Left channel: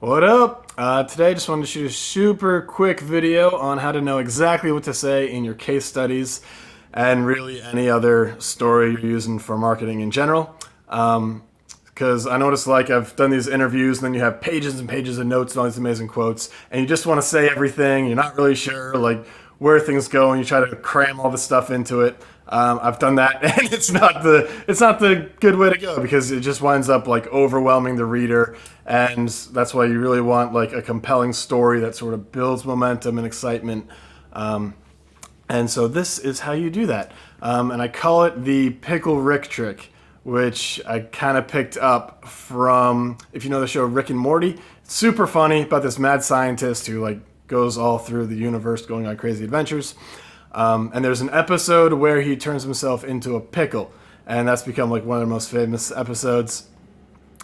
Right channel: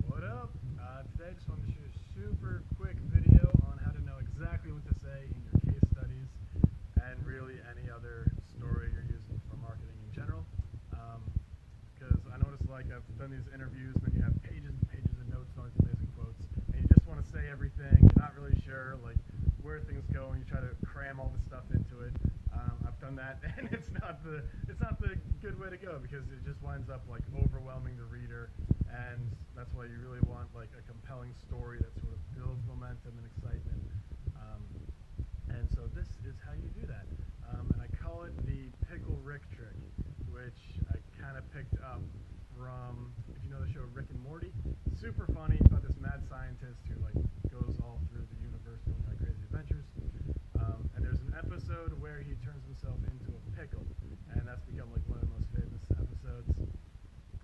What up? Today I just wanted to shoot a super quick video on how to know exactly what to say in your case studies and really any other story you're using for marketing in general. Because I noticed like I've done these interviews and then you have pages and pages of notes and all these amazing quotes and you just want to say everything. You're not really sure like where things go and you try to cram all the stuff into it. I've done that and it's not the good way to go because it just winds up like overwhelming the reader, and that's why you really want like a compelling story that sort of builds momentum and excitement. And so this is how you do that. And I call it the Pickle Rick Trick, which I kind of picked up from, if you know the show Rick and Morty. It's super funny about this mad scientist who like goes all through the universe going on crazy adventures. And there's an episode where he turns himself into a pickle, and that's become like one of the most famous episodes.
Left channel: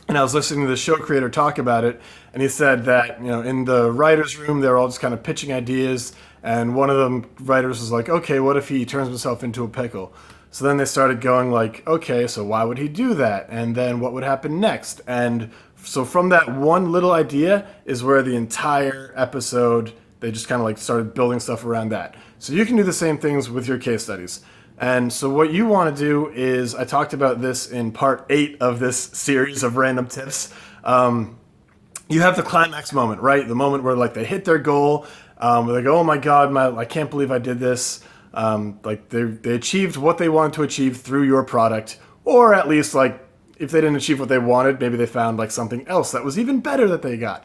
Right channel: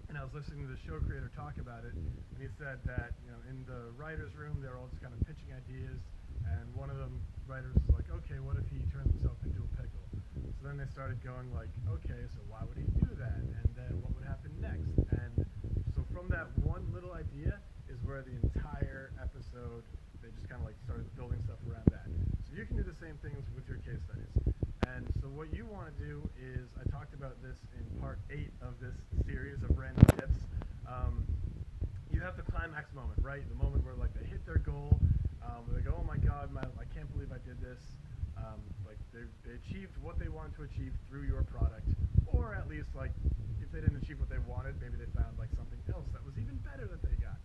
And I was listening to the show creator talk about it, and he said that in the writers' room they're all just kind of pitching ideas, and one of the writers was like, "Okay, what if he turns himself into a pickle?" So then they started going like, "Okay, so why would he do that? And then what would happen next?" And so from that one little idea is where the entire episode they just kind of like started building stuff around that. So you can do the same things with your case studies. And so what you want to do is, I talked about this in part 8 of this series of random tips. You have the climax moment, right? The moment where like they hit their goal, where they go, "Oh my God, I can't believe I did this." Like they achieved what they wanted to achieve through your product, or at least like if they didn't achieve what they wanted, maybe they found like something else that was even better that they got.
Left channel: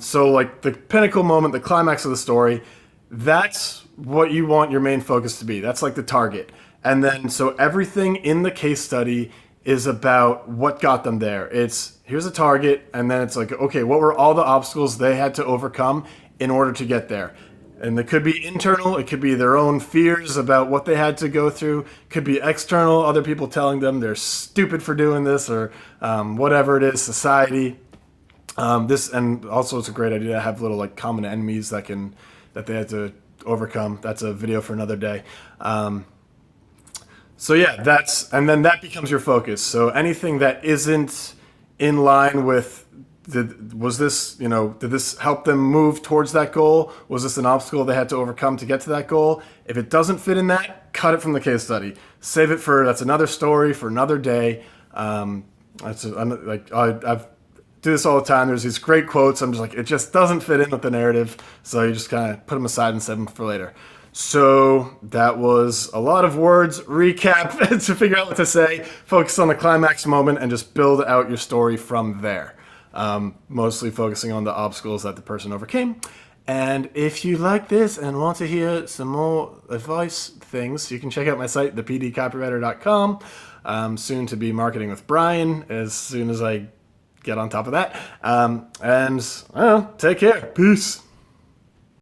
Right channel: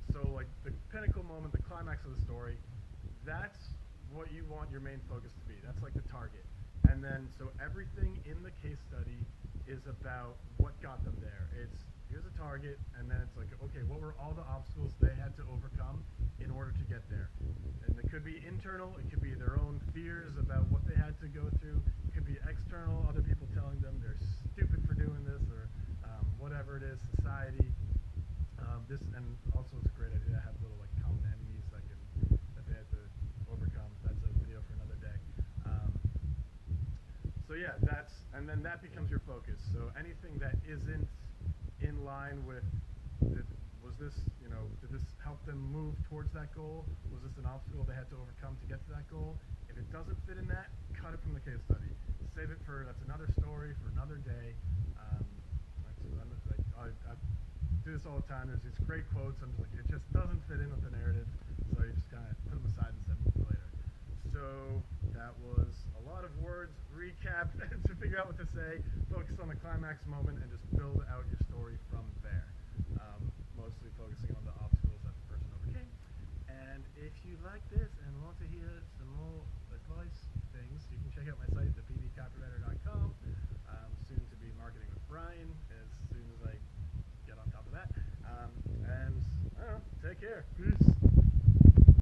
So like the pinnacle moment, the climax of the story, that's what you want your main focus to be. That's like the target. And then so everything in the case study is about what got them there. It's here's a target, and then it's like, okay, what were all the obstacles they had to overcome in order to get there? And it could be internal, it could be their own fears about what they had to go through, it could be external, other people telling them they're stupid for doing this, or whatever it is, society. This, and also it's a great idea to have little like common enemies that they had to overcome. That's a video for another day. So yeah, and then that becomes your focus. So anything that isn't in line with did this help them move towards that goal? Was this an obstacle they had to overcome to get to that goal? If it doesn't fit in that, cut it from the case study. Save it that's another story for another day. I've do this all the time. There's these great quotes. I'm just like, it just doesn't fit in with the narrative. So you just kind of put them aside and save them for later. So that was a lot of words, recap to figure out what to say, focus on the climax moment, and just build out your story from there. Mostly focusing on the obstacles that the person overcame. And if you like this and want to hear some more advice things, you can check out my site, thepdcopywriter.com. Soon to be marketing with Brian as soon as I get on top of that. And I don't know, take care. Peace.